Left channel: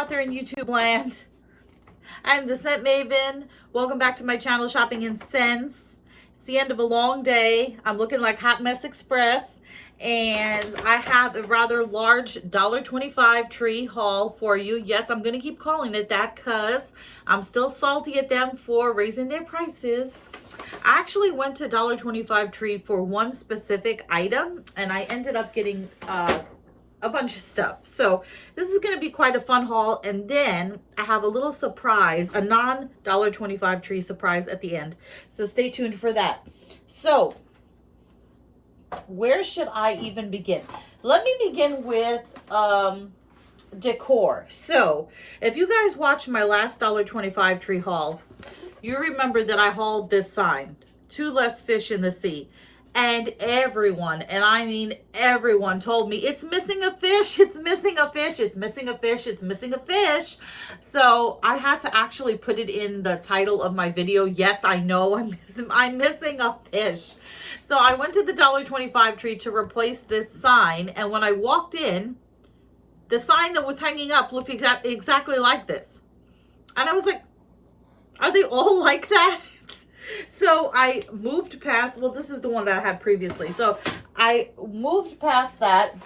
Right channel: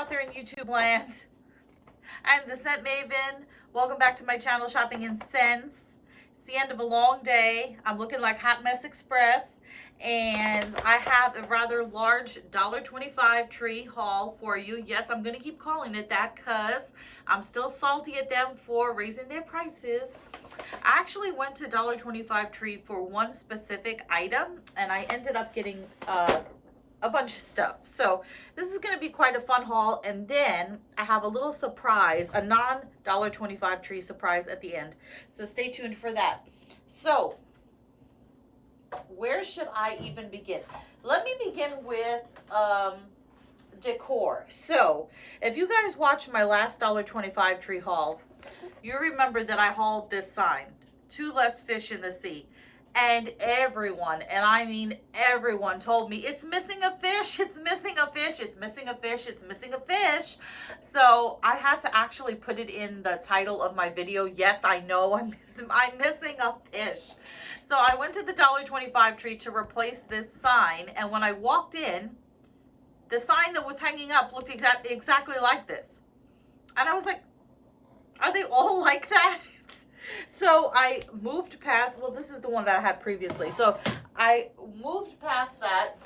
out there in YouTube land? I'm the Scent Maven. Welcome back to my channel, Shopping in Scents. It's the end of a long day. I'm looking like Hot Mess Express. And I have a rather large $1.25 tree haul for you. Yes, I'm going to keep calling it that because I'm still salty at them for raising their prices. I actually went to $1.25 tree for one specific item, and I ended up getting a bunch of stuff. So this is going to be quite a fun haul. And then I have a little surprise, a non-$1.25 tree surprise at the end. So stay tuned for that. So where should I even begin? Let me begin with decor. So if you guys watched my last $1.25 tree haul, you remember that I hauled this sign, "Two less fish in the sea." And everyone, and I mean everyone, told me it's missing a fish, it's missing a fish, it's missing a fish, it's missing a fish. So I had to actually put it in the title of my video. Yes, I know I'm missing a fish. So I went to the $1.25 tree to replace this sign, and when I walked in, the sign that was hanging up looked exactly like this. And I was like, are they all like that? So I moved past, well, this is the one that I had previously. So I moved past that,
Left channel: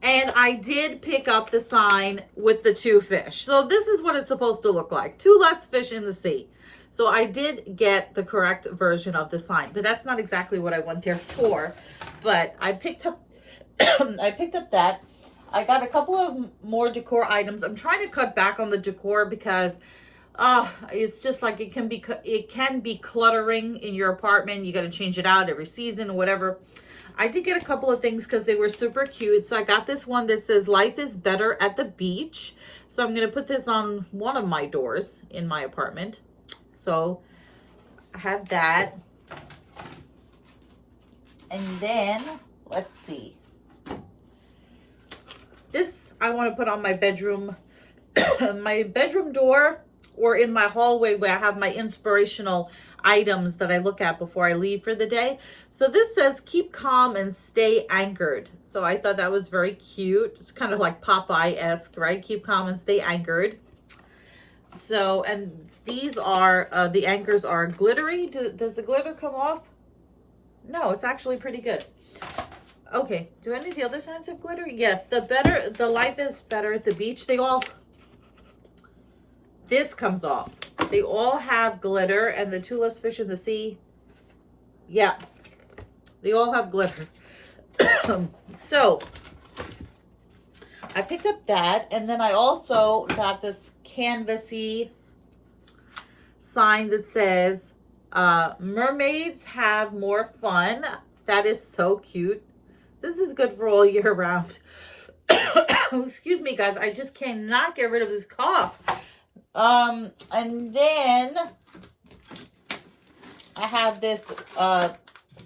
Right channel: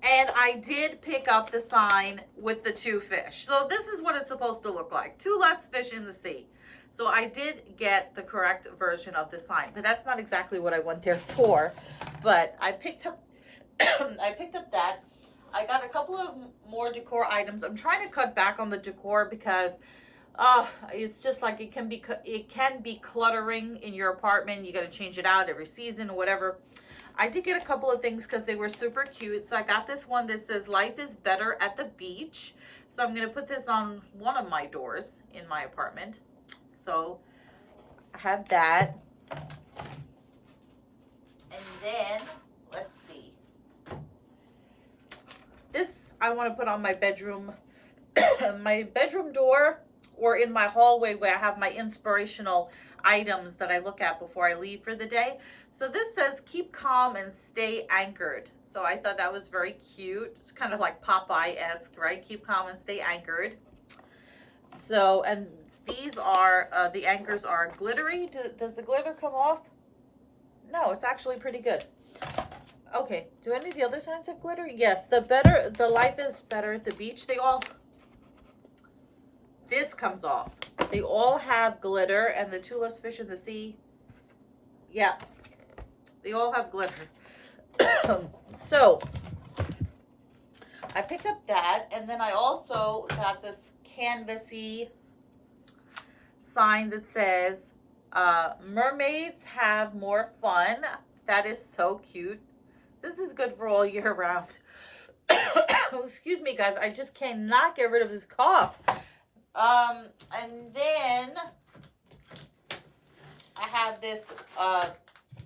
and I did pick up the sign with the two fish. So this is what it's supposed to look like. Two less fish in the sea. So I did get the correct version of the sign, but that's not exactly what I went there for. But I picked up, I picked up that. I got a couple of more decor items. I'm trying to cut back on the decor because it's just like it can be cluttering in your apartment. You got to change it out every season or whatever. I did get a couple of things because they were super cute. So I got this one that says "Life is better at the beach." So I'm going to put this on one of my doors in my apartment. So I have that. And then let's see. This I want to put on my bedroom door, or in my hallway where I have my inspirational items that I look at before I leave for the day. So this says "Keep calm and stay anchored." So I thought that was very cute. It's kind of like Popeye-esque, right? Keep calm and stay anchored. So, and these are, the anchors are glittery. Does the glitter come off? No, it's actually pretty good. Okay, do any of the other signs have glitter? Yes, the Life is better at the beach. This comes off. They all have glitter, and the two less fish in the sea. Yeah, they all have glitter. So I picked up that, and then I also got this canvasy sign that says, "Mermaids have more fun." That is so cute. This is good for all year round. Excuse me, guys. I just cannot get rid of this cough. And then I have this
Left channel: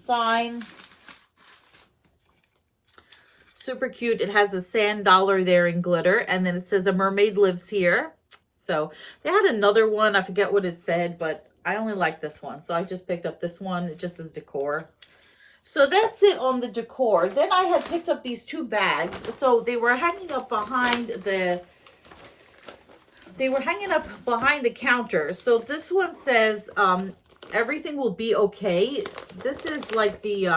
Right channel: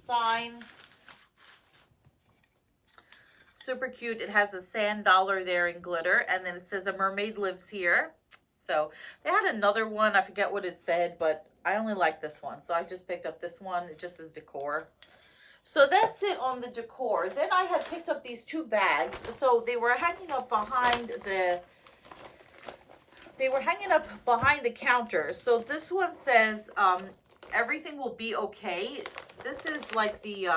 sign. Super cute. It has a sand dollar there in glitter, and then it says "A mermaid lives here." So they had another one. I forget what it said, but I only like this one. So I just picked up this one. It just says decor. So that's it on the decor. Then I had picked up these two bags. So they were hanging up behind the counter. So this one says, "Everything will be okay." This is like the,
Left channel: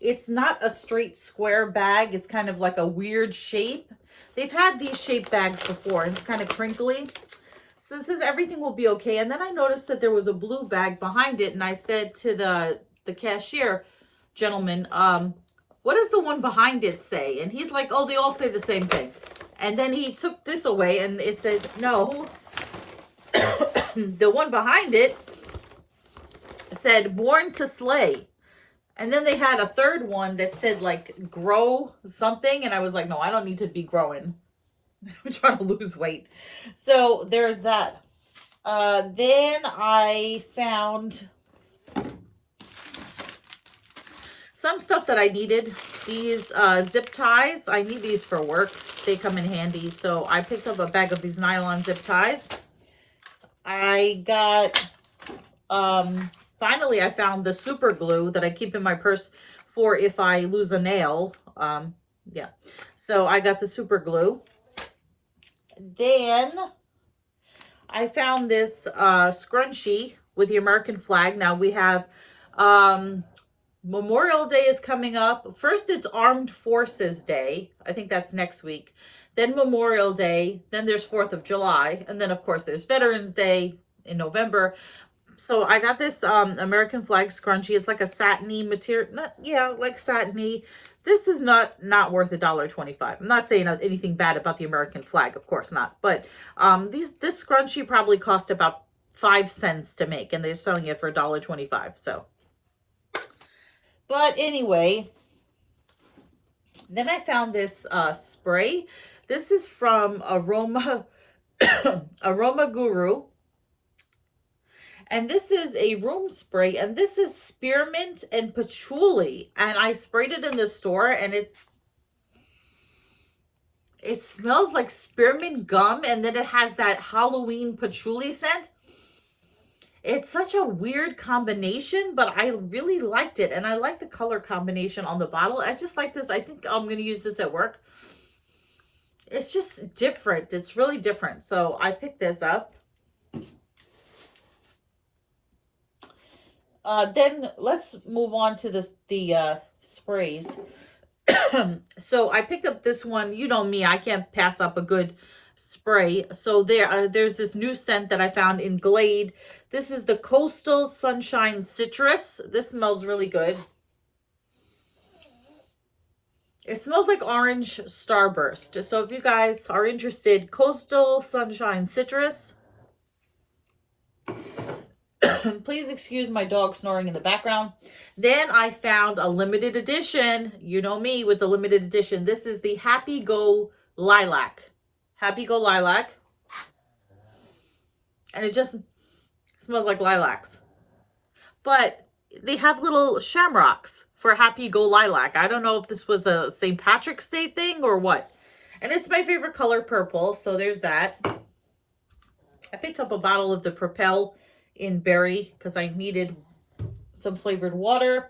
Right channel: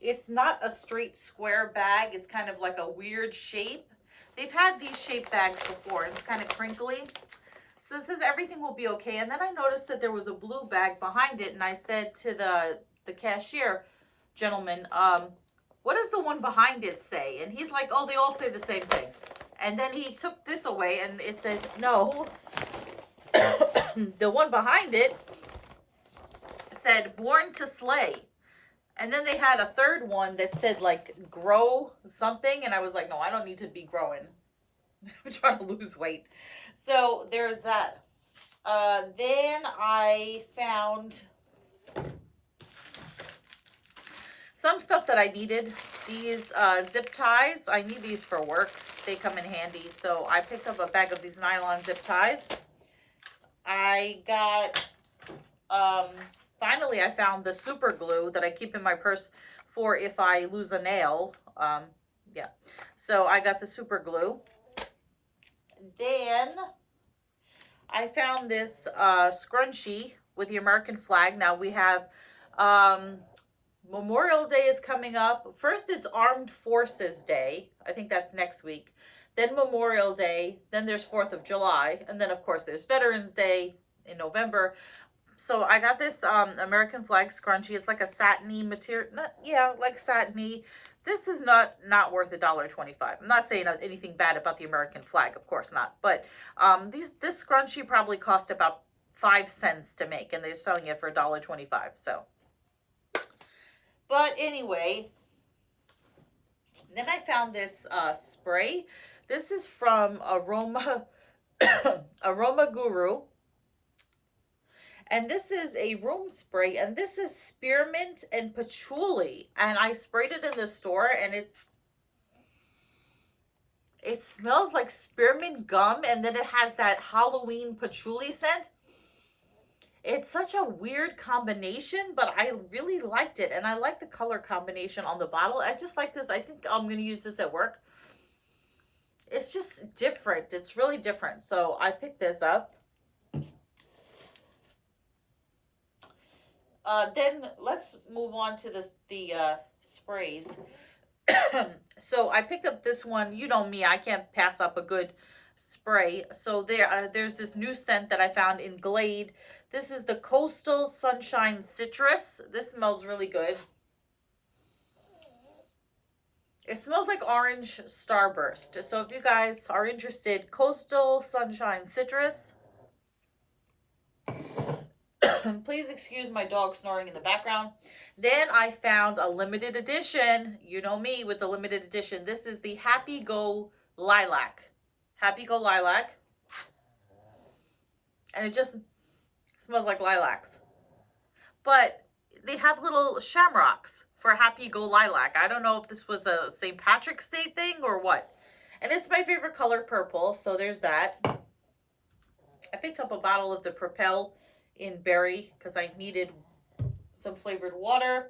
it's not a straight square bag. It's kind of like a weird shape. They've had these shaped bags before. It's kind of crinkly. So it says "Everything will be okay." And then I noticed that there was a blue bag behind it. And I said to the cashier gentleman, "What does the one behind it say?" And he's like, "Oh, they all say the same thing." And then he took this away, and it said, no, the one behind it said "Born to Slay." And then they had a third one that said like "Grow something." And I was like, no, I don't need to be growing. I'm trying to lose weight. So there's that. Then I found some stuff that I needed. These zip ties. I need these for work. They come in handy. So I picked up a bag of these nylon zip ties. I got, finally I found the super glue that I keep in my purse for if I lose a nail. Yeah. So I got the super glue. Then I found this scrunchie with the American flag. Now we have Memorial Day is coming up. First, it's Armed Forces Day. I think that's next week. Then Memorial Day. Then there's 4th of July. And then, of course, there's Veterans Day in November. So I got this American flag scrunchie. It's like a satiny material. Like satiny. This is not worth $1.25. I'm not saying anything bad about the American flag. Of course not. But this scrunchie probably cost about 5 cents to make. And they're selling it for $1.25. So. But anyway, then I found this spray. This is from Aroma Guru. And this is a room spray. And this is spearmint and patchouli. And I sprayed it in the store. And it smells like spearmint gum. And then it has that Halloween patchouli scent. It's such a weird combination, but I really liked it. And I like the color combination on the bottle. I just like this. I think I'm going to use this at work. It's just different. It's really different. So I picked this up. Then let's move on to the sprays. So I picked up this one. You know me, I can't pass up a good spray. So there's this new scent that I found in Glade. This is the Coastal Sunshine Citrus. This smells really good. It smells like orange starburst. So if you guys are interested, Coastal Sunshine Citrus. Please excuse my dog snoring in the background. Then I found a limited edition. You know me with the limited edition. This is the Happy Go Lilac. Happy Go Lilac. And it just smells like lilacs. But they have little shamrocks for Happy Go Lilac. I don't know if this was a St. Patrick's Day thing or what. And it's my favorite color, purple. So there's that. I picked up a bottle of the Propel in berry because I needed some flavored water.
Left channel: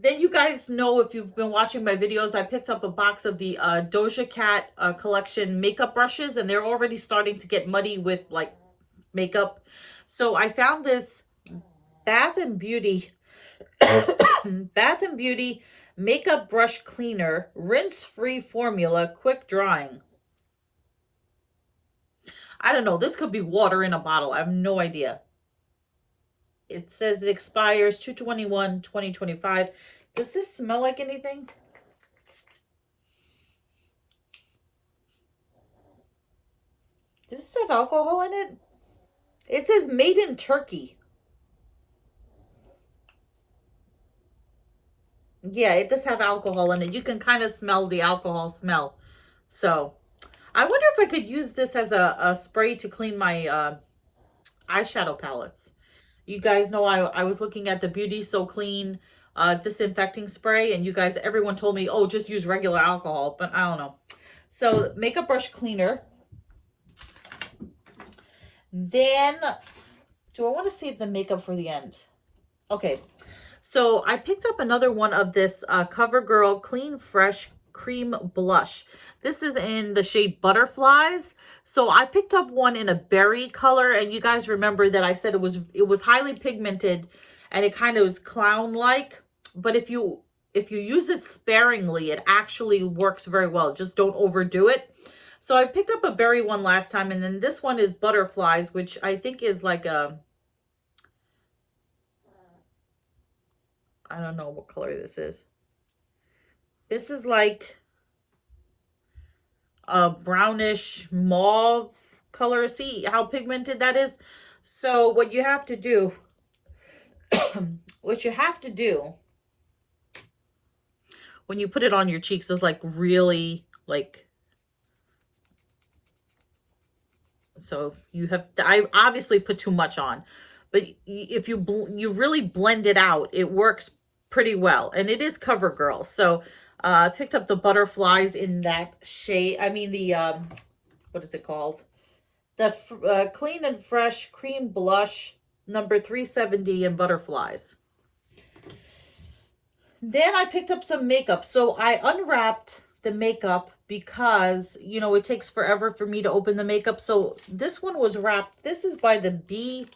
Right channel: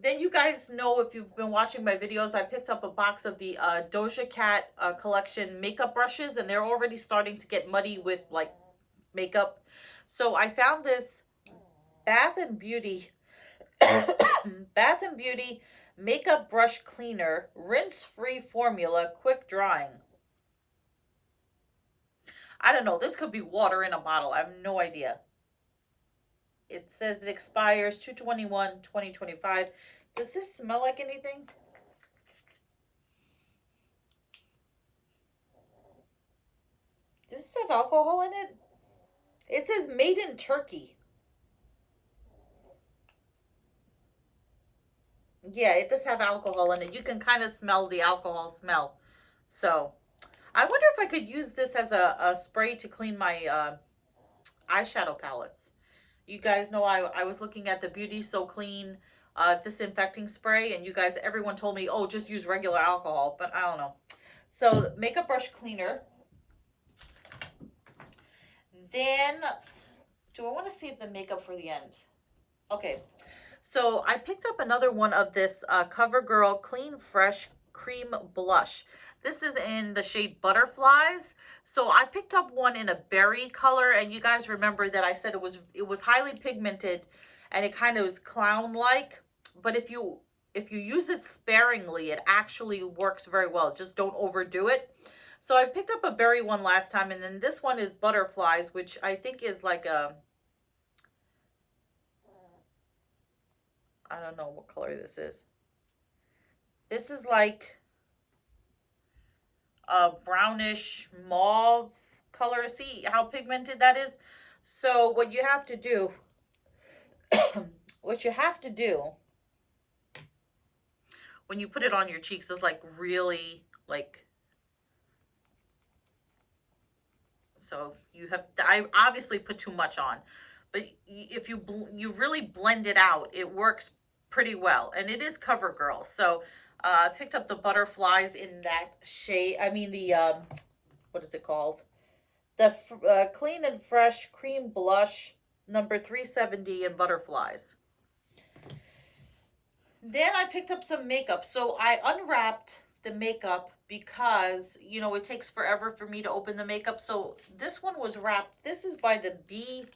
Then you guys know, if you've been watching my videos, I picked up a box of the Doja Cat collection makeup brushes, and they're already starting to get muddy with like makeup. So I found this Bath and Beauty makeup brush cleaner, rinse-free formula, quick drying. I don't know. This could be water in a bottle. I have no idea. It says it expires 2/21/2025. Does this smell like anything? Does this have alcohol in it? It says made in Turkey. Yeah, it does have alcohol in it. You can kind of smell the alcohol smell. So, I wonder if I could use this as a spray to clean my eyeshadow palettes. You guys know I was looking at the Beauty So Clean disinfecting spray, and you guys, everyone told me, oh, just use regular alcohol, but I don't know. So, makeup brush cleaner. Then, do I want to save the makeup for the end? Okay, so I picked up another one of this CoverGirl Clean Fresh Cream Blush. This is in the shade Butterflies. So I picked up one in a berry color, and you guys remember that I said it was highly pigmented and it kind of was clown-like. But if you use it sparingly, it actually works very well. Just don't overdo it. So I picked up a berry one last time, and then this one is Butterflies, which I think is like a, I don't know what color this is. This is like a brownish mauve color. See how pigmented that is? So what you have to do, when you put it on your cheeks is like really like, so you have, I obviously put too much on, but if you really blend it out, it works pretty well. And it is CoverGirl. So I picked up the Butterflies in that shade. I mean the, what is it called? The Clean and Fresh Cream Blush number 370 in Butterflies. Then I picked up some makeup. So I unwrapped the makeup because, you know, it takes forever for me to open the makeup. So this one was wrapped. This is by the Be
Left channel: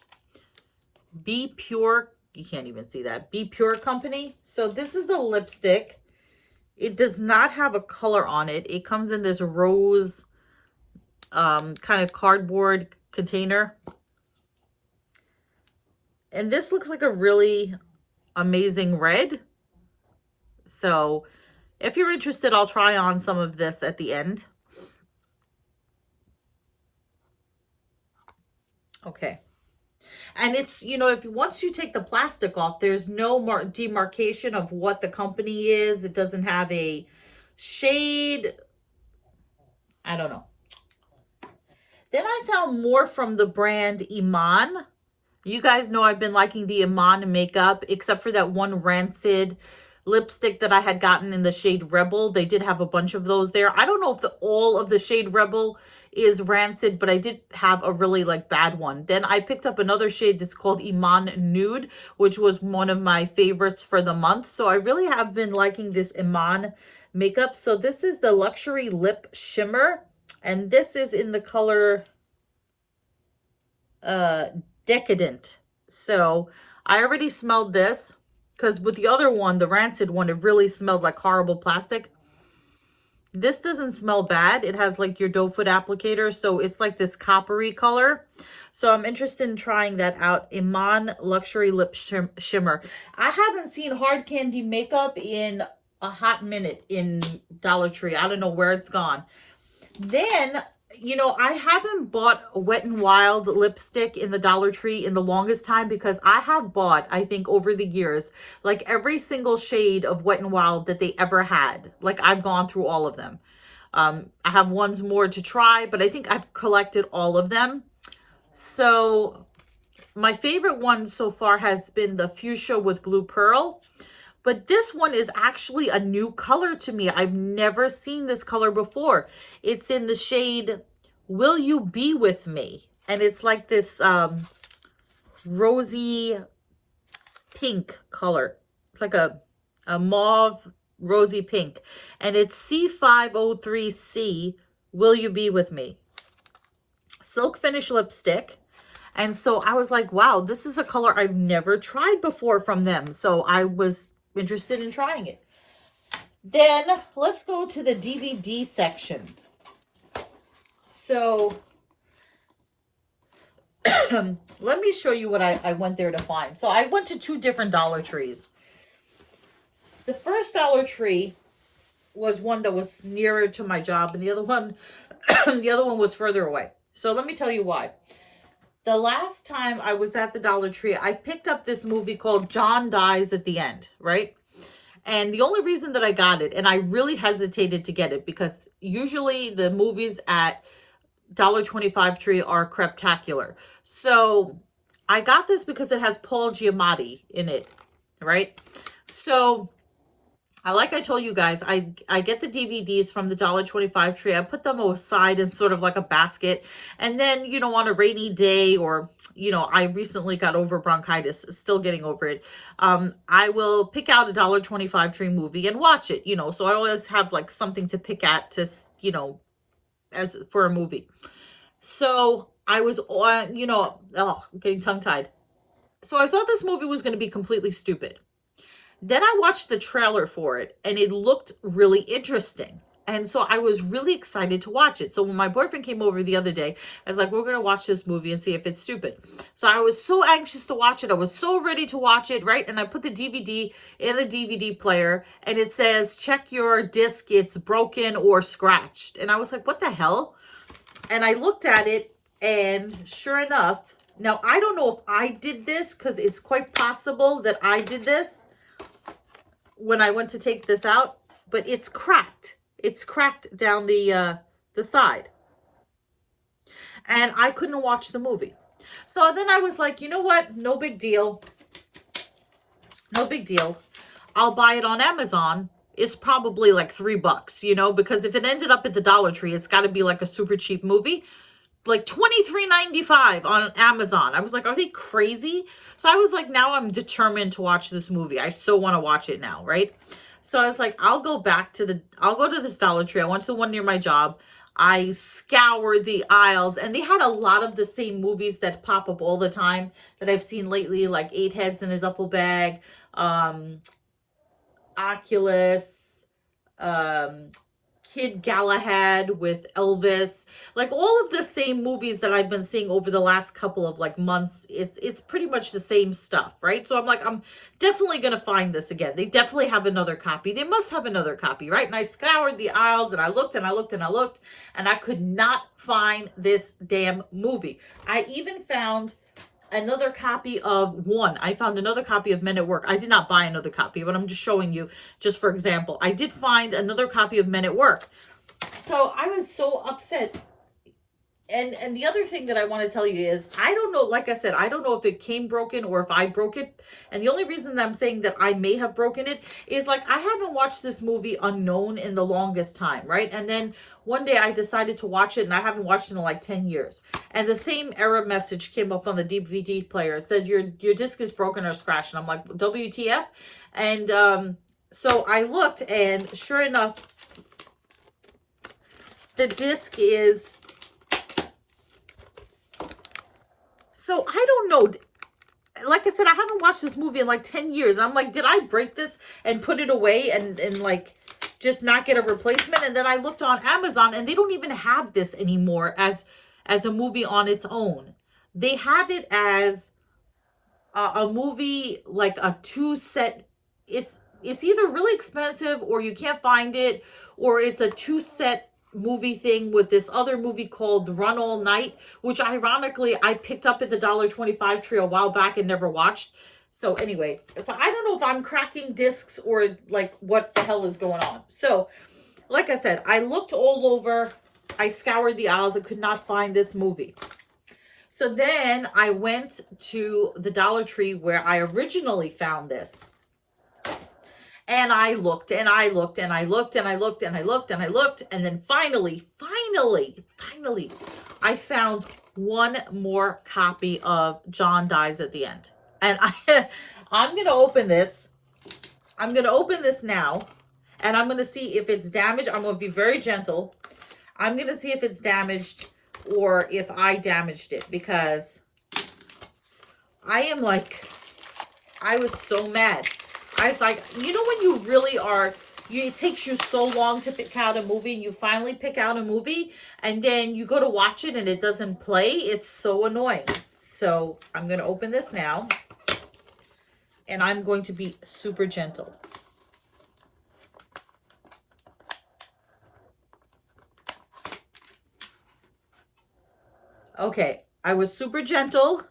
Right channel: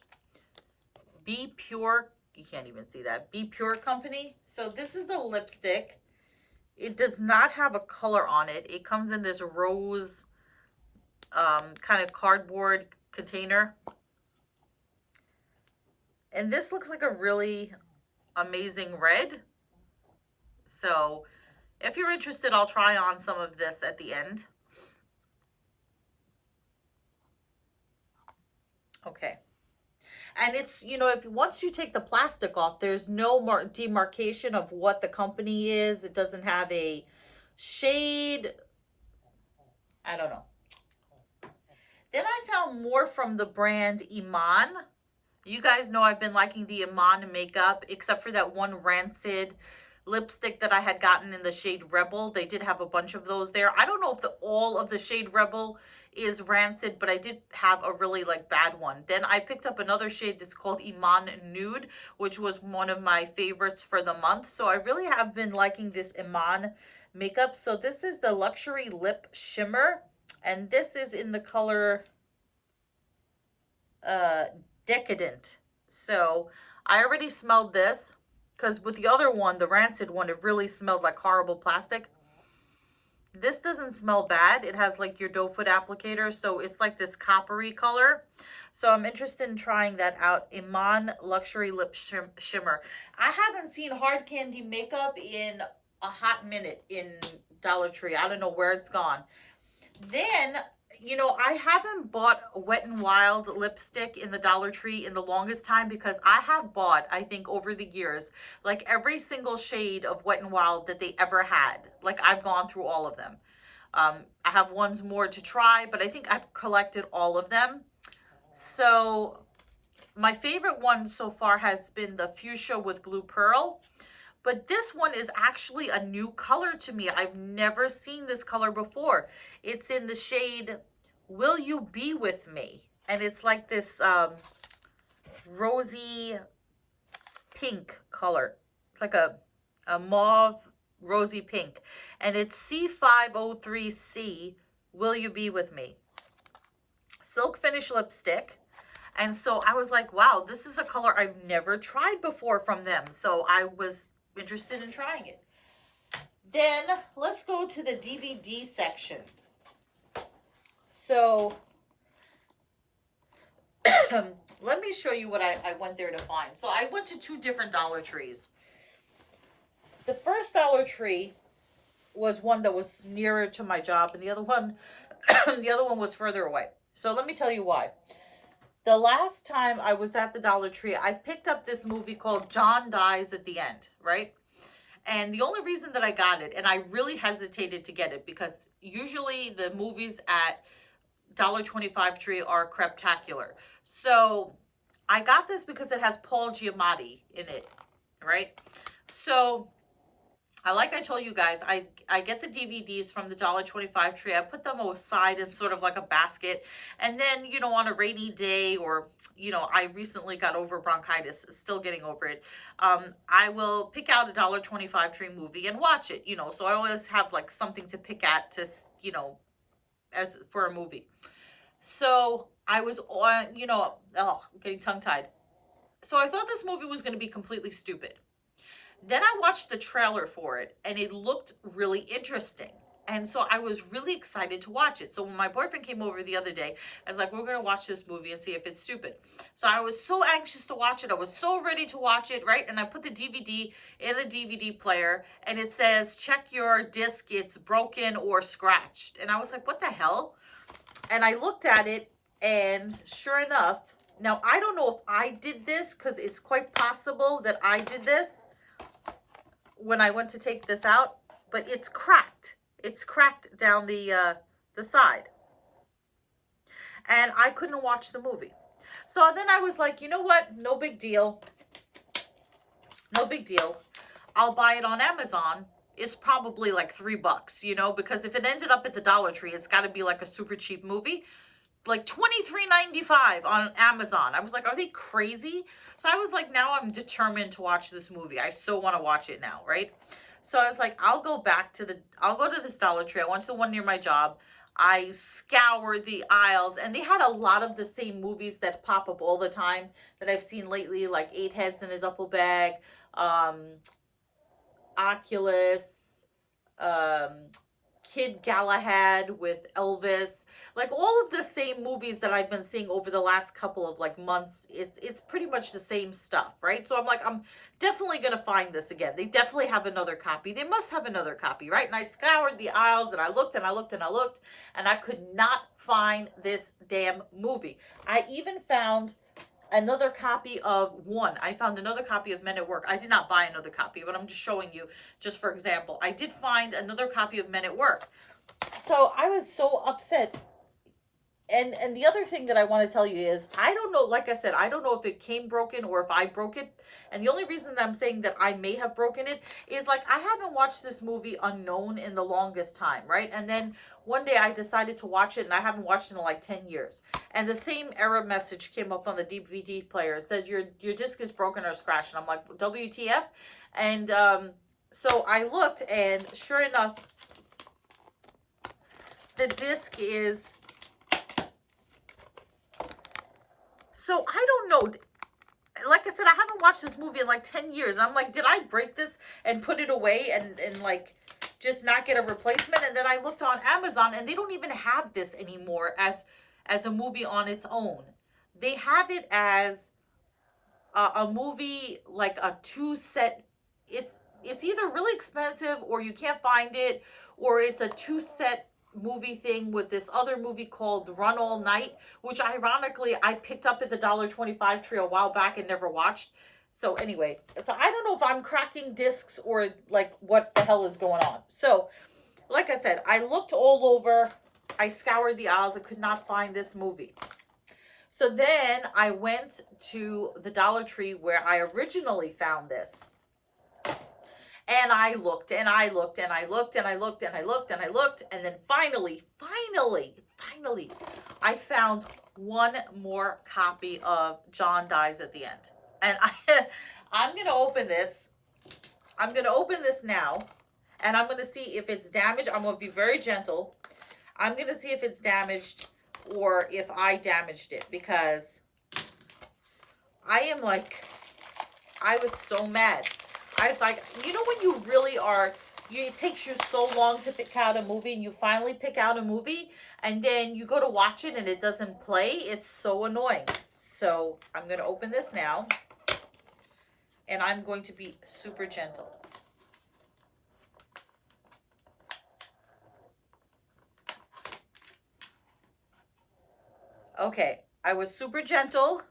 Pure. You can't even see that. Be Pure company. So this is the lipstick. It does not have a color on it. It comes in this rose kind of cardboard container. And this looks like a really amazing red. So if you're interested, I'll try on some of this at the end. Okay. And it's, you know, if once you take the plastic off, there's no demarcation of what the company is. It doesn't have a shade. I don't know. Then I found more from the brand Iman. You guys know I've been liking the Iman makeup, except for that one Rancid lipstick that I had gotten in the shade Rebel. They did have a bunch of those there. I don't know if all of the shade Rebel is Rancid, but I did have a really like bad one. Then I picked up another shade that's called Iman Nude, which was one of my favorites for the month. So I really have been liking this Iman makeup. So this is the Luxury Lip Shimmer, and this is in the color Decadent. So I already smelled this, because with the other one, the Rancid one, it really smelled like horrible plastic. This doesn't smell bad. It has like your doe foot applicator, so it's like this coppery color. So I'm interested in trying that out. Iman Luxury Lip Shimmer. I haven't seen hard candy makeup in a hot minute in Dollar Tree. I don't know where it's gone. Then, you know, I haven't bought a Wet n Wild lipstick in the Dollar Tree in the longest time, because I have bought, I think over the years, like every single shade of Wet n Wild that they ever had. Like I've gone through all of them. I have ones more to try, but I think I've collected all of them. So my favorite one so far has been the Fuchsia with Blue Pearl. But this one is actually a new color to me. I've never seen this color before. It's in the shade Will You Be With Me? And it's like this rosy pink color. It's like a mauve rosy pink. And it's C503C, Will You Be With Me? Silk finish lipstick. And so I was like, wow, this is a color I've never tried before from them. So I was interested in trying it. Then let's go to the DVD section. So let me show you what I went there to find. So I went to 2 different Dollar Trees. The first Dollar Tree was one that was nearer to my job, and the other one was further away. So let me tell you why. The last time I was at the Dollar Tree, I picked up this movie called John Dies at the End, right? And the only reason that I got it, and I really hesitated to get it, because usually the movies at $1.25 Tree are craptacular. So I got this because it has Paul Giamatti in it, right? So like I told you guys, I get the DVDs from the $1.25 Tree. I put them aside in sort of like a basket. And then, you know, on a rainy day, or, you know, I recently got over bronchitis, still getting over it. I will pick out a $1.25 Tree movie and watch it, you know. So I always have like something to pick at to, you know, as for a movie. So I was on, you know, getting tongue-tied. So I thought this movie was going to be completely stupid. Then I watched the trailer for it, and it looked really interesting. And so I was really excited to watch it. So when my boyfriend came over the other day, I was like, we're going to watch this movie and see if it's stupid. So I was so anxious to watch it. I was so ready to watch it, right? And I put the DVD in the DVD player, and it says, check your disc, it's broken or scratched. And I was like, what the hell? And I looked at it, and sure enough, now I don't know if I did this, because it's quite possible that I did this when I went to take this out, but it's cracked. It's cracked down the side. And I couldn't watch the movie. So then I was like, you know what? No big deal. No big deal. I'll buy it on Amazon. It's probably like $3, you know, because if it ended up at the Dollar Tree, it's got to be like a super cheap movie. Like $23.95 on Amazon. I was like, are they crazy? So I was like, now I'm determined to watch this movie. I so want to watch it now, right? So I was like, I'll go to this Dollar Tree. I went to the one near my job. I scoured the aisles, and they had a lot of the same movies that pop up all the time that I've seen lately, like Eight Heads in a Duffel Bag, Oculus, um, Kid Galahad with Elvis, like all of the same movies that I've been seeing over the last couple of like months. It's pretty much the same stuff, right? So I'm like, I'm definitely gonna find this again. They definitely have another copy. They must have another copy, right? And I scoured the aisles, and I looked and I looked and I looked, and I could not find this damn movie. I even found another copy of one. I found another copy of Men at Work. I did not buy another copy, but I'm just showing you just for example. I did find another copy of Men at Work. So I was so upset. And the other thing that I want to tell you is, I don't know, like I said, I don't know if it came broken or if I broke it. And the only reason that I'm saying that I may have broken it is, like, I haven't watched this movie Unknown in the longest time, right? And then one day I decided to watch it, and I haven't watched it in like 10 years. And the same error message came up on the DVD player. It says your disc is broken or scratched. And I'm like, WTF? And so I looked, and sure enough, the disc is... So I don't know. Like I said, I haven't watched this movie in like 10 years. And I'm like, did I break this and put it away and like just not get a replacement? And then I looked on Amazon, and they don't even have this anymore as a movie on its own. They have it as a movie, like a 2-set. It's either really expensive, or you can't find it, or it's a 2-set movie thing with this other movie called Run All Night, which ironically I picked up at the $1.25 tree a while back and never watched. So anyway, so I don't know if I'm cracking discs or like what the hell is going on. So like I said, I looked all over, I scoured the aisles, I could not find this movie. So then I went to the Dollar Tree where I originally found this. And I looked and I looked and I looked and I looked and I looked and I looked. And then finally, I found one more copy of John Dies at the End. And I'm going to open this. I'm going to open this now. And I'm going to see if it's damaged. I'm going to be very gentle. I'm going to see if it's damaged or if I damaged it. Because I am like, I was so mad. I was like, you know, when you really are, it takes you so long to pick out a movie, and you finally pick out a movie, and then you go to watch it and it doesn't play. It's so annoying. So I'm going to open this now, and I'm going to be super gentle. Okay, I was super gentle,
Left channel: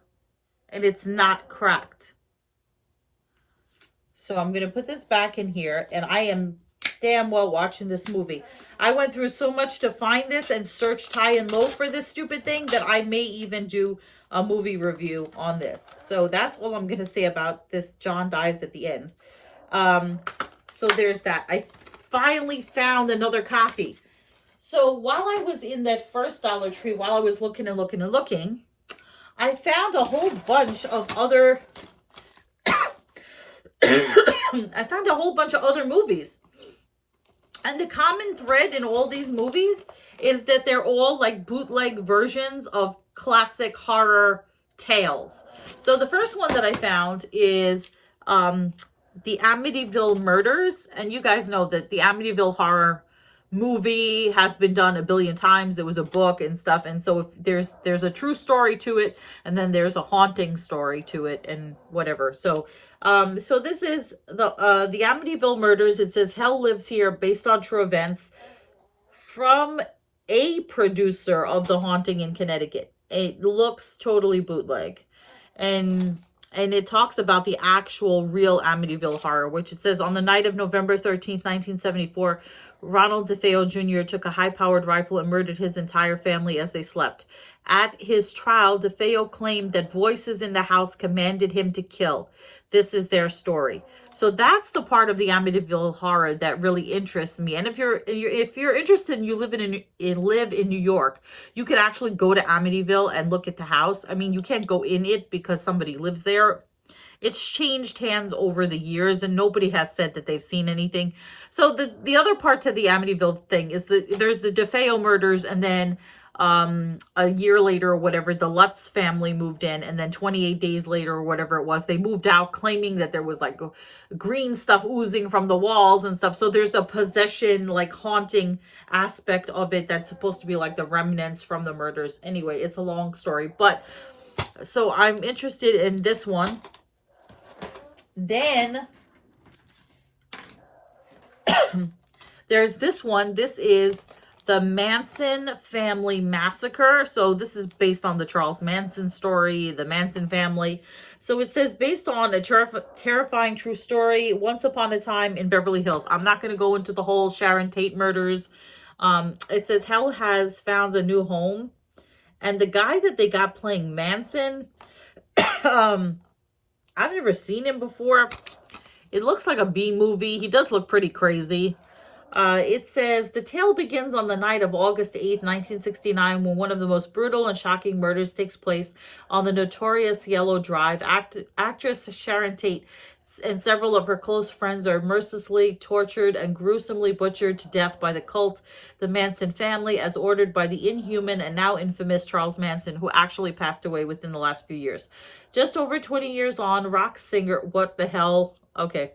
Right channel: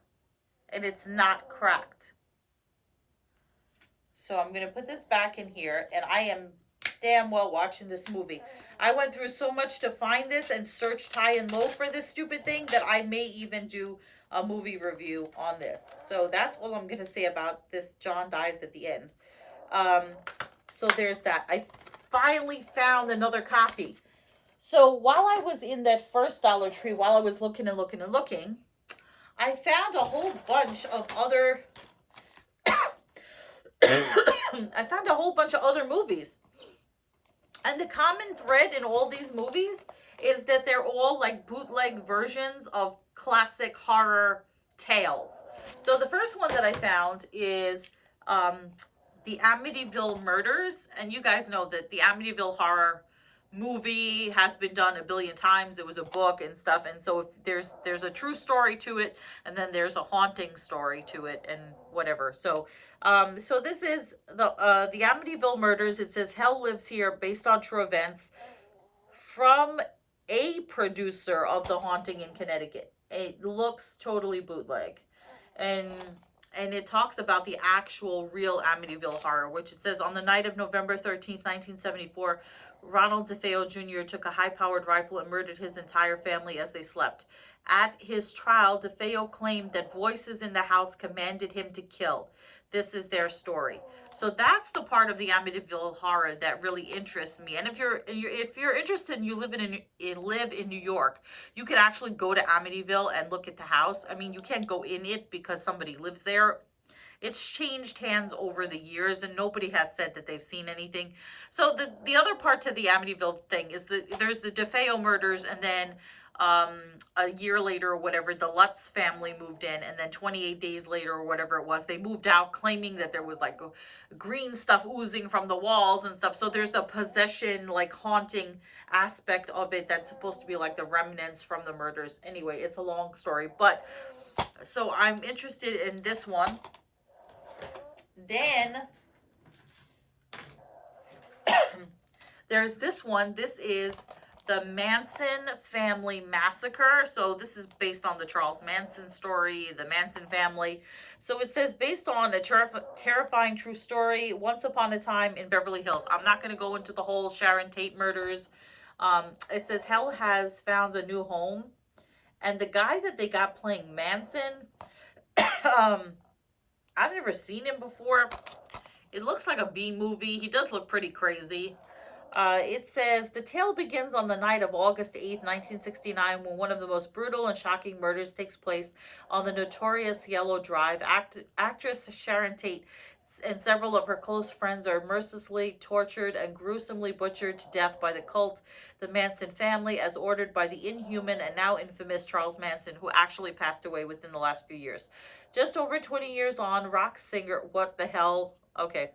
and it's not cracked. So I'm going to put this back in here, and I am damn well watching this movie. I went through so much to find this and searched high and low for this stupid thing that I may even do a movie review on this. So that's all I'm going to say about this John Dies at the End. So there's that. I finally found another copy. So while I was in that first Dollar Tree, while I was looking and looking and looking, I found a whole bunch of other... I found a whole bunch of other movies. And the common thread in all these movies is that they're all like bootleg versions of classic horror tales. So the first one that I found is the Amityville Murders. And you guys know that the Amityville horror movie has been done a billion times. It was a book and stuff, and so if there's a true story to it, and then there's a haunting story to it, and whatever. So so this is the Amityville Murders. It says Hell Lives Here, based on true events, from a producer of The Haunting in Connecticut. It looks totally bootleg, and it talks about the actual real Amityville horror, which it says on the night of November 13th, 1974, Ronald DeFeo Jr. took a high-powered rifle and murdered his entire family as they slept. At his trial, DeFeo claimed that voices in the house commanded him to kill. This is their story. So that's the part of the Amityville horror that really interests me. And if you're interested and you live in New York, you could actually go to Amityville and look at the house. I mean, you can't go in it because somebody lives there. It's changed hands over the years, and nobody has said that they've seen anything. So the other part to the Amityville thing is that there's the DeFeo murders, and then a year later or whatever, the Lutz family moved in, and then 28 days later or whatever it was, they moved out claiming that there was like green stuff oozing from the walls and stuff. So there's a possession, like haunting aspect of it that's supposed to be like the remnants from the murders. Anyway, it's a long story, but so I'm interested in this one. Then there's this one. This is the Manson Family Massacre. So this is based on the Charles Manson story, the Manson family. So it says, based on a terrifying true story, once upon a time in Beverly Hills. I'm not going to go into the whole Sharon Tate murders. It says, hell has found a new home. And the guy that they got playing Manson, I've never seen him before. It looks like a B movie. He does look pretty crazy. It says, the tale begins on the night of August 8th, 1969, when one of the most brutal and shocking murders takes place on the notorious Yellow Drive. Actress Sharon Tate and several of her close friends are mercilessly tortured and gruesomely butchered to death by the cult, the Manson family, as ordered by the inhuman and now infamous Charles Manson, who actually passed away within the last few years. Just over 20 years on, rock singer, what the hell? Okay.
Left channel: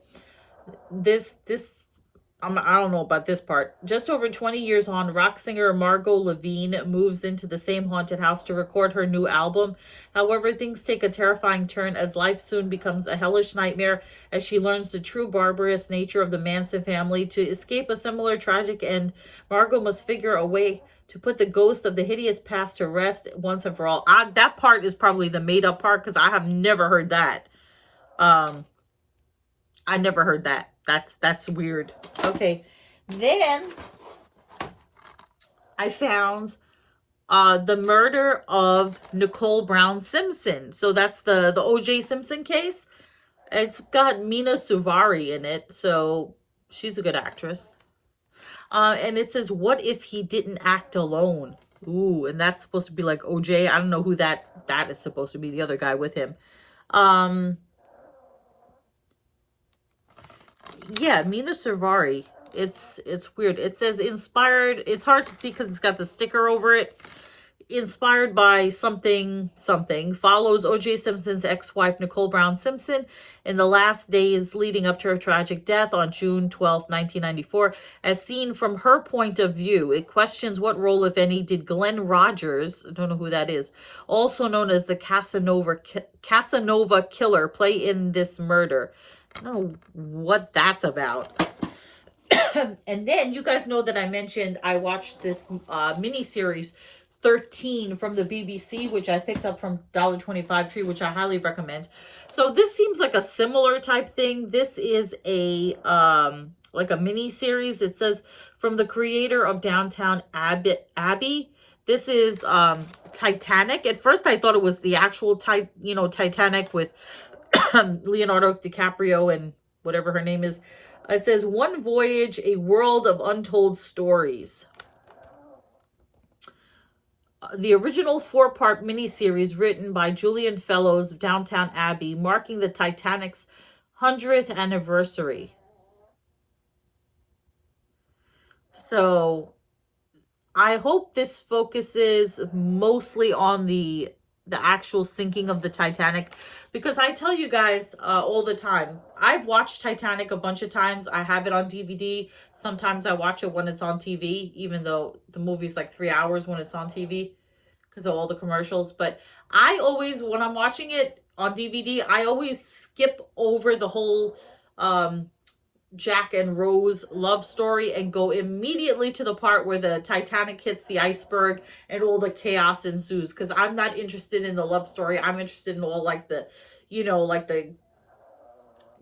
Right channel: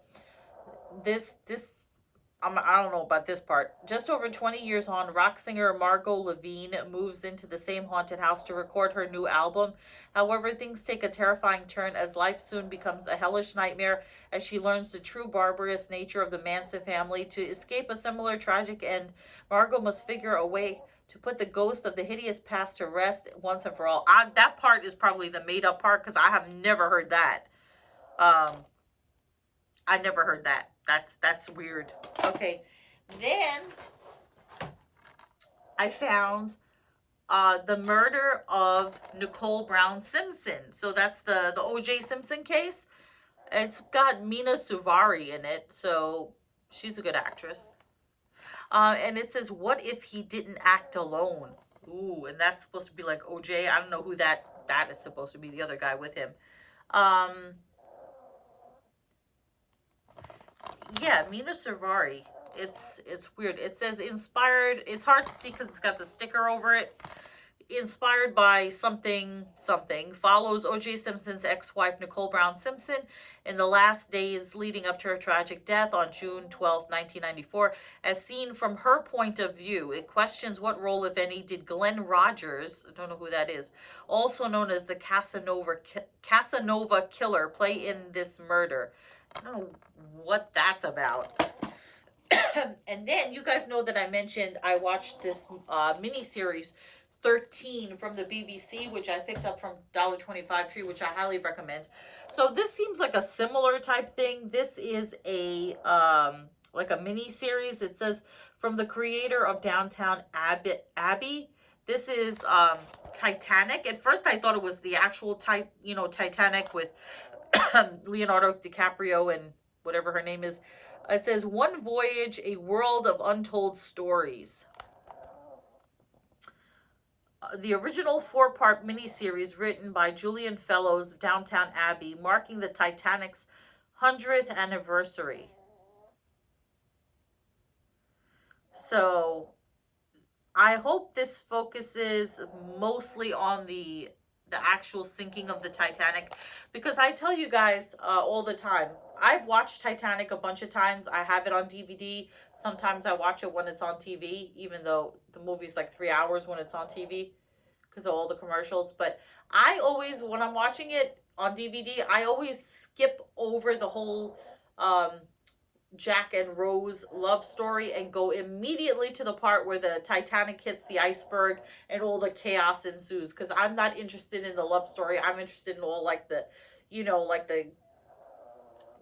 I don't know about this part. Just over 20 years on, rock singer Margot Levine moves into the same haunted house to record her new album. However, things take a terrifying turn as life soon becomes a hellish nightmare as she learns the true barbarous nature of the Manson family. To escape a similar tragic end, Margot must figure a way to put the ghost of the hideous past to rest once and for all. That part is probably the made-up part because I have never heard that. I never heard that. That's weird. Okay. Then I found the murder of Nicole Brown Simpson. So that's the O.J. Simpson case. It's got Mina Suvari in it, so she's a good actress. And it says, what if he didn't act alone? Ooh, and that's supposed to be like O.J. I don't know who that is supposed to be, the other guy with him. Yeah, Mina Suvari. It's weird. It says inspired. It's hard to see because it's got the sticker over it. Inspired by something. Follows O.J. Simpson's ex-wife Nicole Brown Simpson in the last days leading up to her tragic death on June 12, 1994. As seen from her point of view, it questions what role, if any, did Glenn Rogers, I don't know who that is, also known as the Casanova Killer, play in this murder. I don't know what that's about. And then you guys know that I mentioned I watched this miniseries 13 from the BBC, which I picked up from $1.25 Tree, which I highly recommend. So this seems like a similar type thing. This is a like a mini series. It says, from the creator of Downtown Abbey. This is Titanic. At first I thought it was the actual Titanic with Leonardo DiCaprio and whatever her name is. It says, One Voyage, a World of Untold Stories. The original 4-part miniseries written by Julian Fellows of Downtown Abbey, marking the Titanic's 100th anniversary. So I hope this focuses mostly on the actual sinking of the Titanic, because I tell you guys all the time, I've watched Titanic a bunch of times. I have it on DVD. Sometimes I watch it when it's on TV, even though the movie's like 3 hours when it's on TV because of all the commercials. But I always, when I'm watching it on DVD, I always skip over the whole Jack and Rose love story and go immediately to the part where the Titanic hits the iceberg and all the chaos ensues, because I'm not interested in the love story. I'm interested in all like the, like the,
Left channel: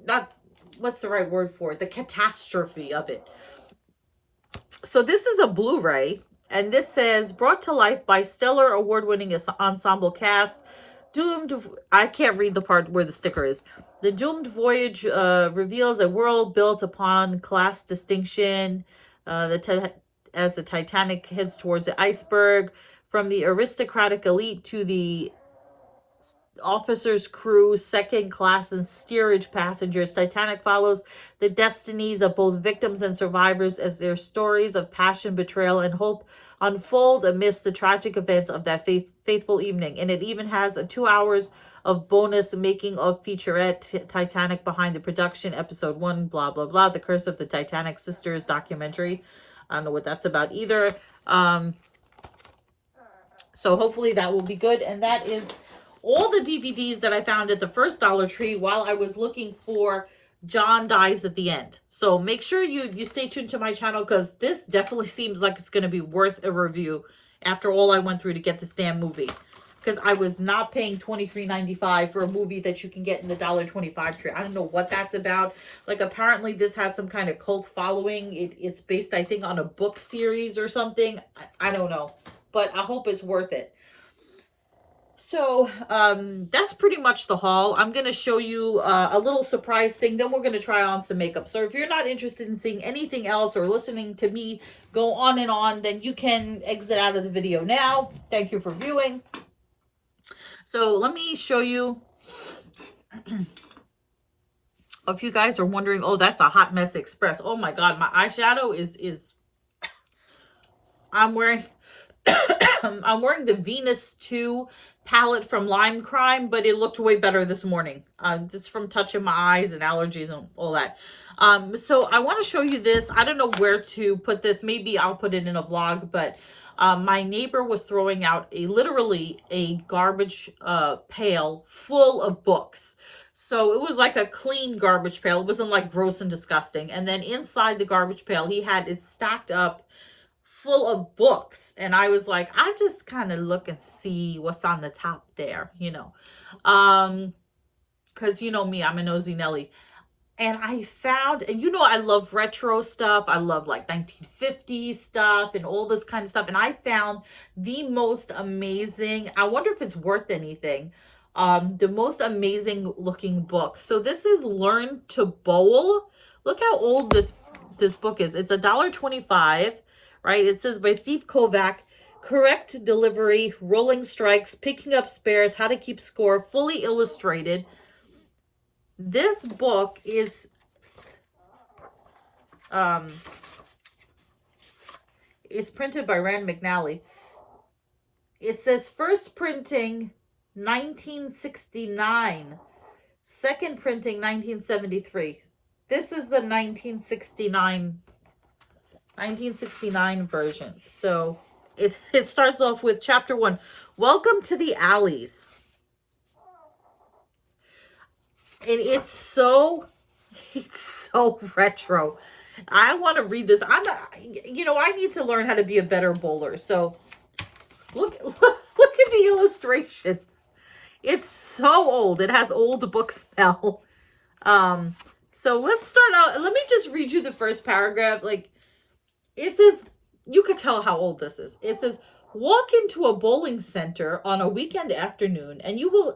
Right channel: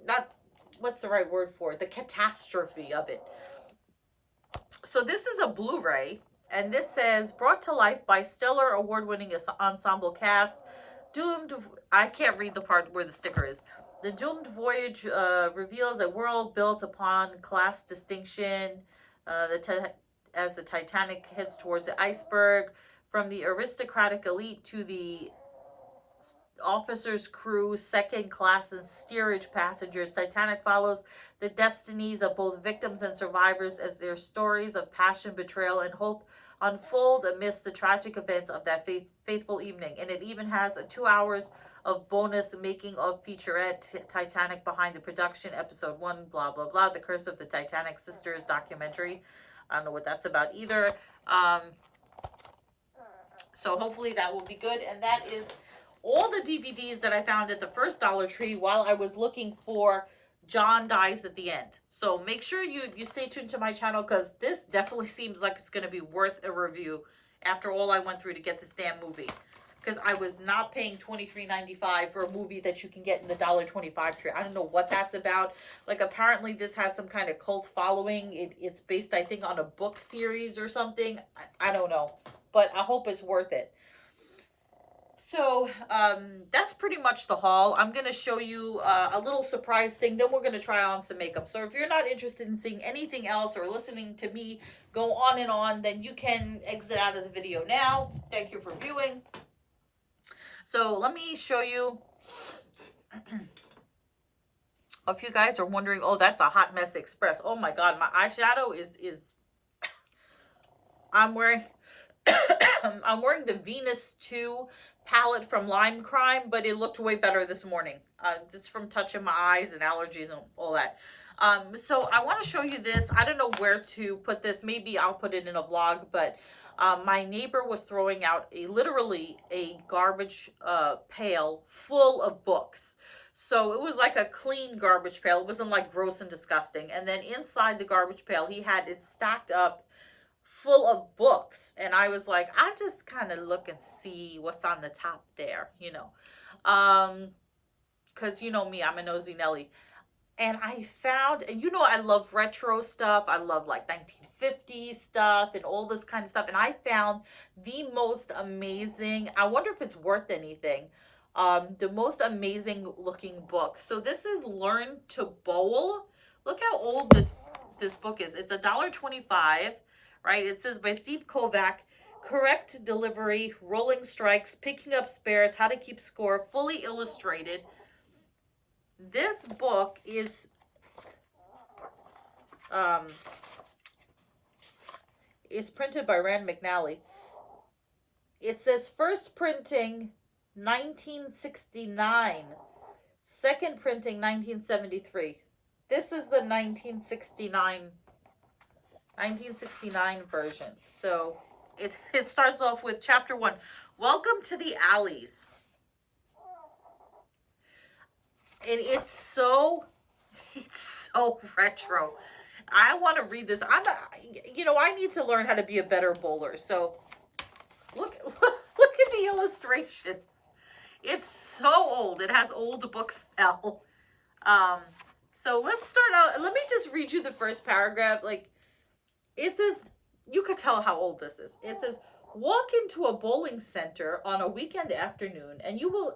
not, what's the right word for it? The catastrophe of it. So this is a Blu-ray, and this says, brought to life by stellar award-winning ensemble cast, doomed, I can't read the part where the sticker is. The doomed voyage reveals a world built upon class distinction as the Titanic heads towards the iceberg, from the aristocratic elite to the officers, crew, second class and steerage passengers. Titanic follows the destinies of both victims and survivors as their stories of passion, betrayal, and hope unfold amidst the tragic events of that faithful evening. And it even has 2 hours of bonus making of featurette Titanic behind the production, episode 1, blah, blah, blah, the Curse of the Titanic Sisters documentary. I don't know what that's about either. So hopefully that will be good. And that is all the DVDs that I found at the first Dollar Tree while I was looking for John Dies at the End. So make sure you stay tuned to my channel, because this definitely seems like it's going to be worth a review after all I went through to get this damn movie. Because I was not paying $23.95 for a movie that you can get in the $1.25 tree. I don't know what that's about. Like, apparently this has some kind of cult following. It's based, I think, on a book series or something. I don't know. But I hope it's worth it. So, that's pretty much the haul. I'm going to show you a little surprise thing. Then we're going to try on some makeup. So if you're not interested in seeing anything else or listening to me go on and on, then you can exit out of the video now. Thank you for viewing. So let me show you. If you guys are wondering, oh, that's a Hot Mess Express. Oh my God, my eyeshadow is I'm wearing I'm wearing the Venus 2 palette from Lime Crime, but it looked way better this morning. Just from touching my eyes and allergies and all that. So I want to show you this. I don't know where to put this. Maybe I'll put it in a vlog, but my neighbor was throwing out literally a garbage pail full of books. So it was like a clean garbage pail. It wasn't like gross and disgusting. And then inside the garbage pail, he had it stacked up full of books. And I was like, I just kind of look and see what's on the top there, you know. Because you know me, I'm a nosy Nelly. And I found, and you know, I love retro stuff. I love like 1950s stuff and all this kind of stuff. And I found the most amazing, I wonder if it's worth anything, the most amazing looking book. So this is Learn to Bowl. Look how old this book is. It's $1.25, right? It says by Steve Kovac, correct delivery, rolling strikes, picking up spares, how to keep score, fully illustrated. This book is printed by Rand McNally. It says first printing 1969, second printing 1973. This is the 1969 version. So it starts off with chapter 1. Welcome to the Alleys. And it's so retro. I want to read this. You know, I need to learn how to be a better bowler. So look at the illustrations. It's so old. It has old book smell. So let's start out. Let me just read you the first paragraph. Like, it says, you could tell how old this is. It says, walk into a bowling center on a weekend afternoon and you will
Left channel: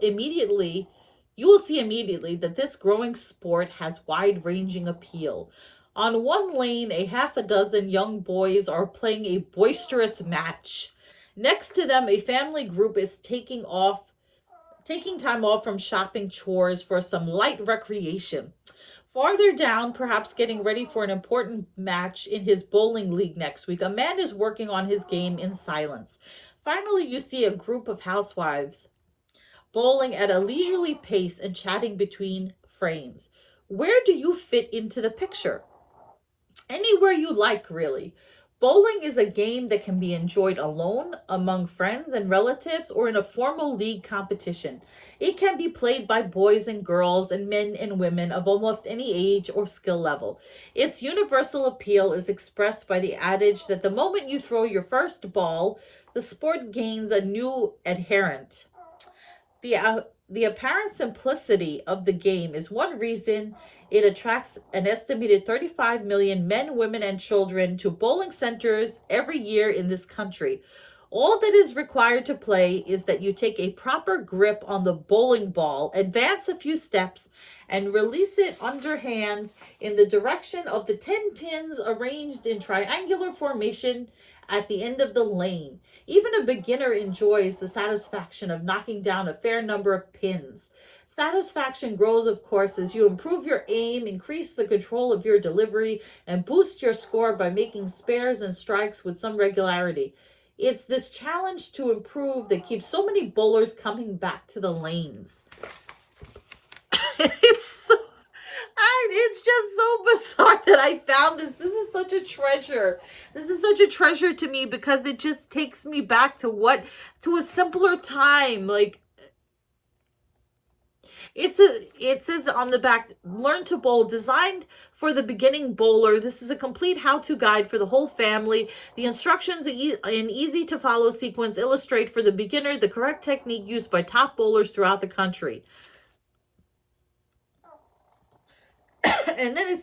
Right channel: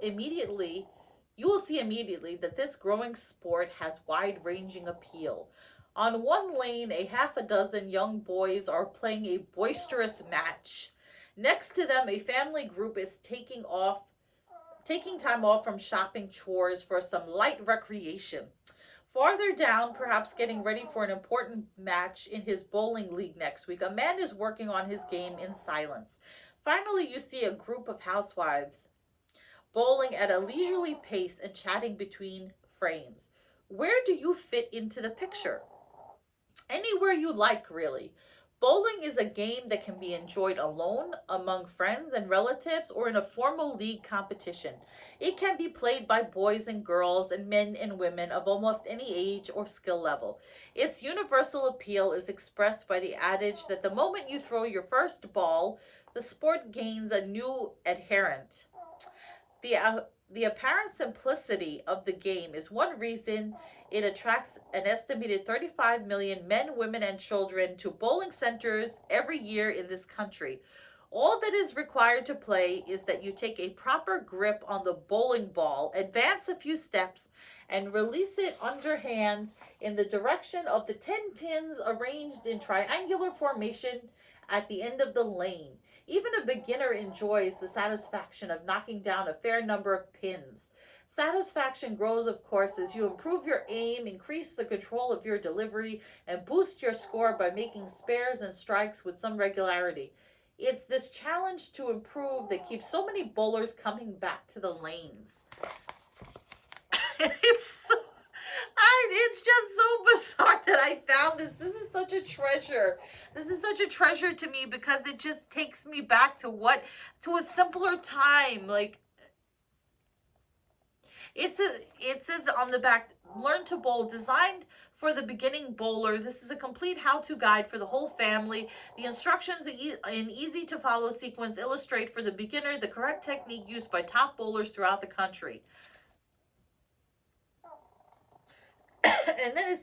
see immediately that this growing sport has wide-ranging appeal. On one lane, a half a dozen young boys are playing a boisterous match. Next to them, a family group is taking time off from shopping chores for some light recreation. Farther down, perhaps getting ready for an important match in his bowling league next week, a man is working on his game in silence. Finally, you see a group of housewives bowling at a leisurely pace and chatting between frames. Where do you fit into the picture? Anywhere you like, really. Bowling is a game that can be enjoyed alone, among friends and relatives, or in a formal league competition. It can be played by boys and girls and men and women of almost any age or skill level. Its universal appeal is expressed by the adage that the moment you throw your first ball, the sport gains a new adherent. The apparent simplicity of the game is one reason it attracts an estimated 35 million men, women, and children to bowling centers every year in this country. All that is required to play is that you take a proper grip on the bowling ball, advance a few steps, and release it underhand in the direction of the 10 pins arranged in triangular formation at the end of the lane. Even a beginner enjoys the satisfaction of knocking down a fair number of pins. Satisfaction grows, of course, as you improve your aim, increase the control of your delivery, and boost your score by making spares and strikes with some regularity. It's this challenge to improve that keeps so many bowlers coming back to the lanes. It's just so bizarre that I found this. This is such a treasure. This is such a treasure to me because it just takes me back to a simpler time. Like, it says on the back, learn to bowl, designed for the beginning bowler. This is a complete how-to guide for the whole family. The instructions in easy to follow sequence illustrate for the beginner the correct technique used by top bowlers throughout the country. And then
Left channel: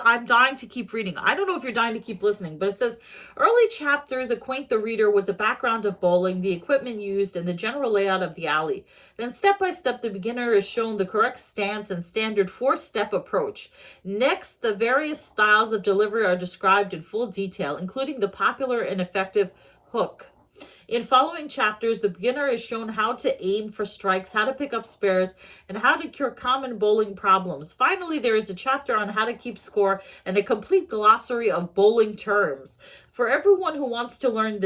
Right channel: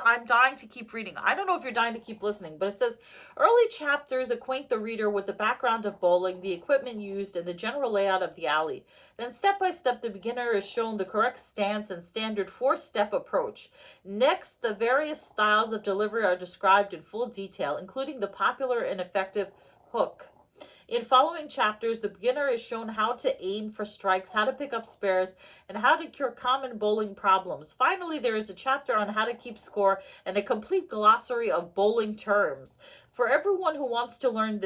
I'm dying to keep reading. I don't know if you're dying to keep listening, but it says early chapters acquaint the reader with the background of bowling, the equipment used, and the general layout of the alley. Then step by step, the beginner is shown the correct stance and standard 4-step approach. Next, the various styles of delivery are described in full detail, including the popular and effective hook. In following chapters, the beginner is shown how to aim for strikes, how to pick up spares, and how to cure common bowling problems. Finally, there is a chapter on how to keep score and a complete glossary of bowling terms. For everyone who wants to learn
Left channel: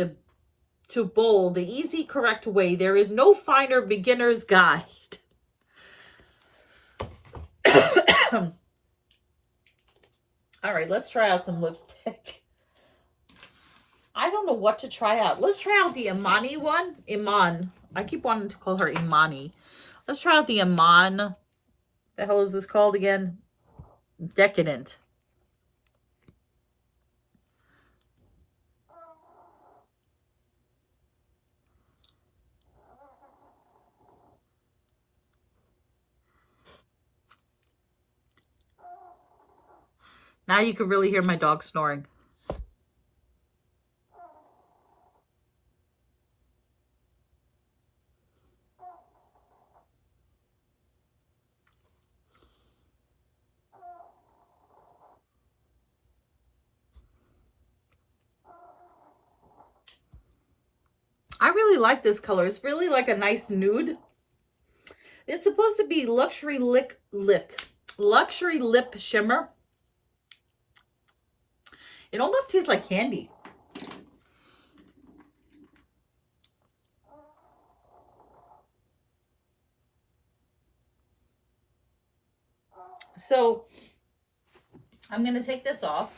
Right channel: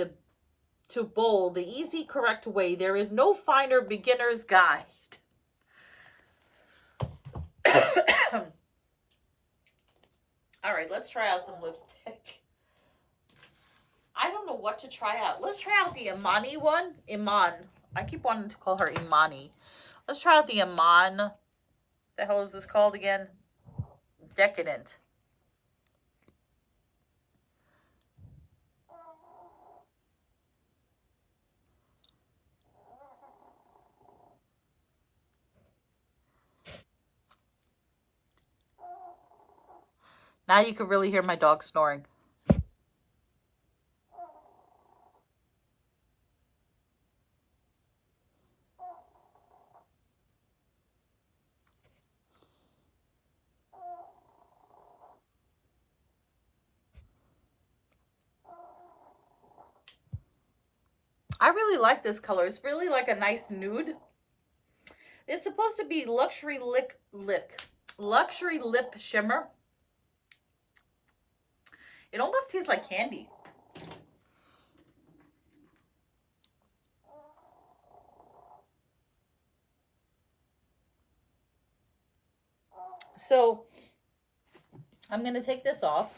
to bowl the easy, correct way, there is no finer beginner's guide. All right, let's try out some lipstick. I don't know what to try out. Let's try out the Imani one. Iman. I keep wanting to call her Imani. Let's try out the Iman. The hell is this called again? Decadent. Now you can really hear my dog snoring. I really like this color. It's really like a nice nude. It's supposed to be luxury lip shimmer. It almost tastes like candy. So I'm going to take this off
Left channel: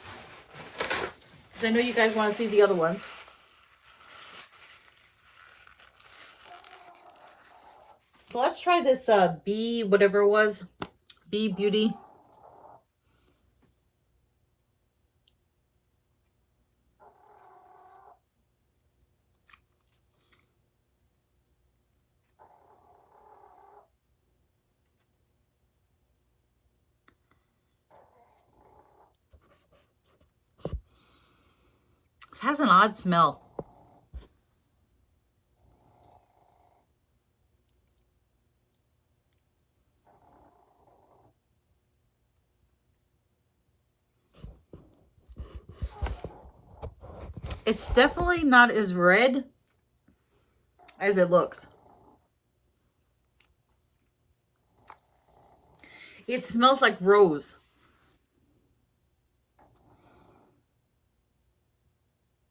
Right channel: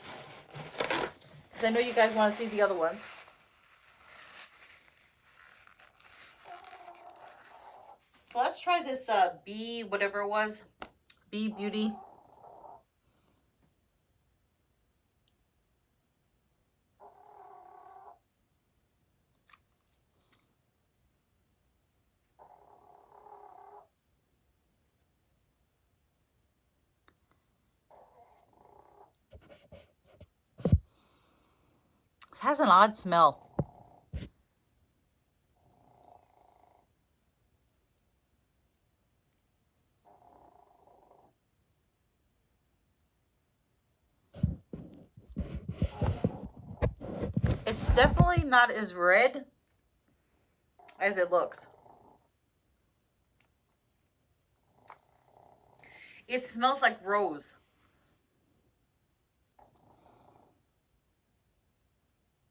because I know you guys want to see the other ones. So let's try this B, whatever it was, B Beauty. It has an odd smell. It's definitely not as red as it looks. It smells like rose.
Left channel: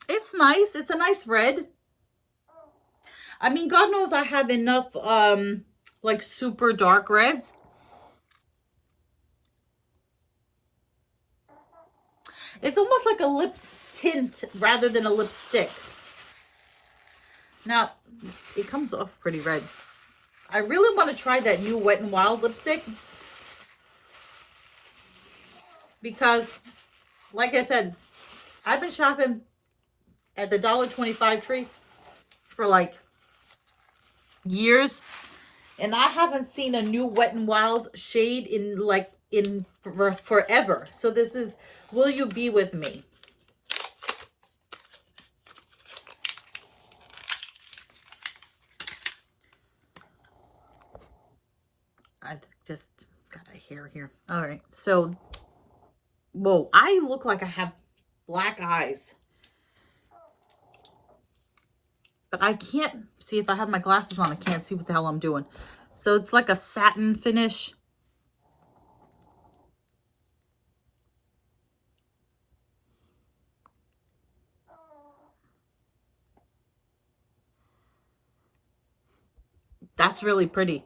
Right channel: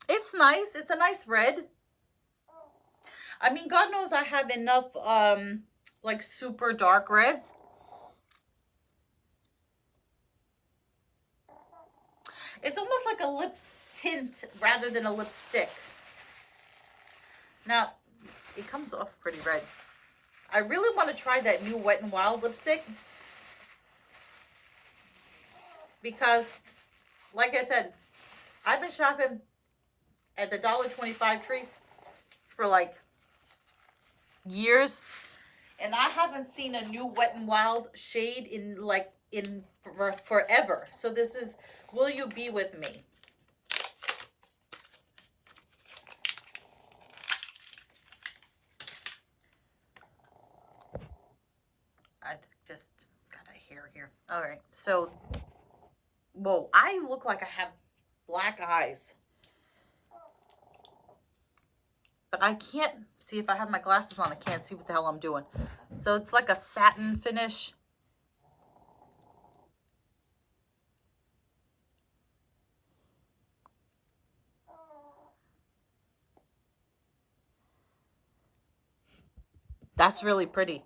It's nice. It's a nice red. I mean, God knows I have enough like super dark reds. It's almost like a lip tint rather than a lipstick. Now, it comes off pretty red. I really want to try that new Wet n Wild lipstick because, like I said, I've been shopping at the $1.25 tree for like years, and I haven't seen a new Wet n Wild shade in forever. So this is Will You Be With Me? I just got a hair here. All right, so whoa, I look like I have black eyes. but I can't see. If I have my glasses on, I can't see what the hell I'm doing. So it's like a satin finish. That's really pretty.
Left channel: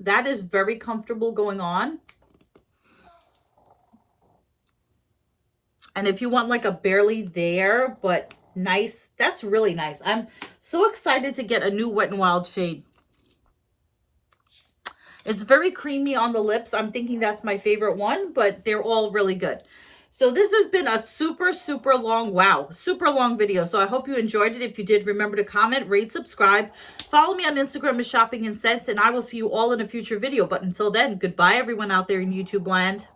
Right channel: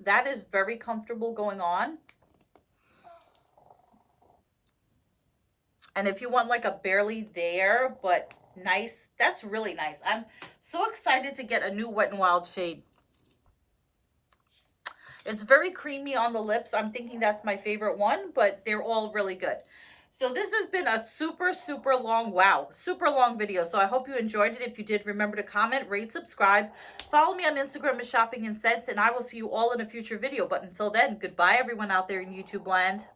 That is very comfortable going on. And if you want like a barely there, but nice, that's really nice. I'm so excited to get a new Wet n Wild shade. It's very creamy on the lips. I'm thinking that's my favorite one, but they're all really good. So this has been a super, super long, wow, super long video. So I hope you enjoyed it. If you did, remember to comment, rate, subscribe. Follow me on Instagram as Shopping and Sense, and I will see you all in a future video. But until then, goodbye everyone out there in YouTube land.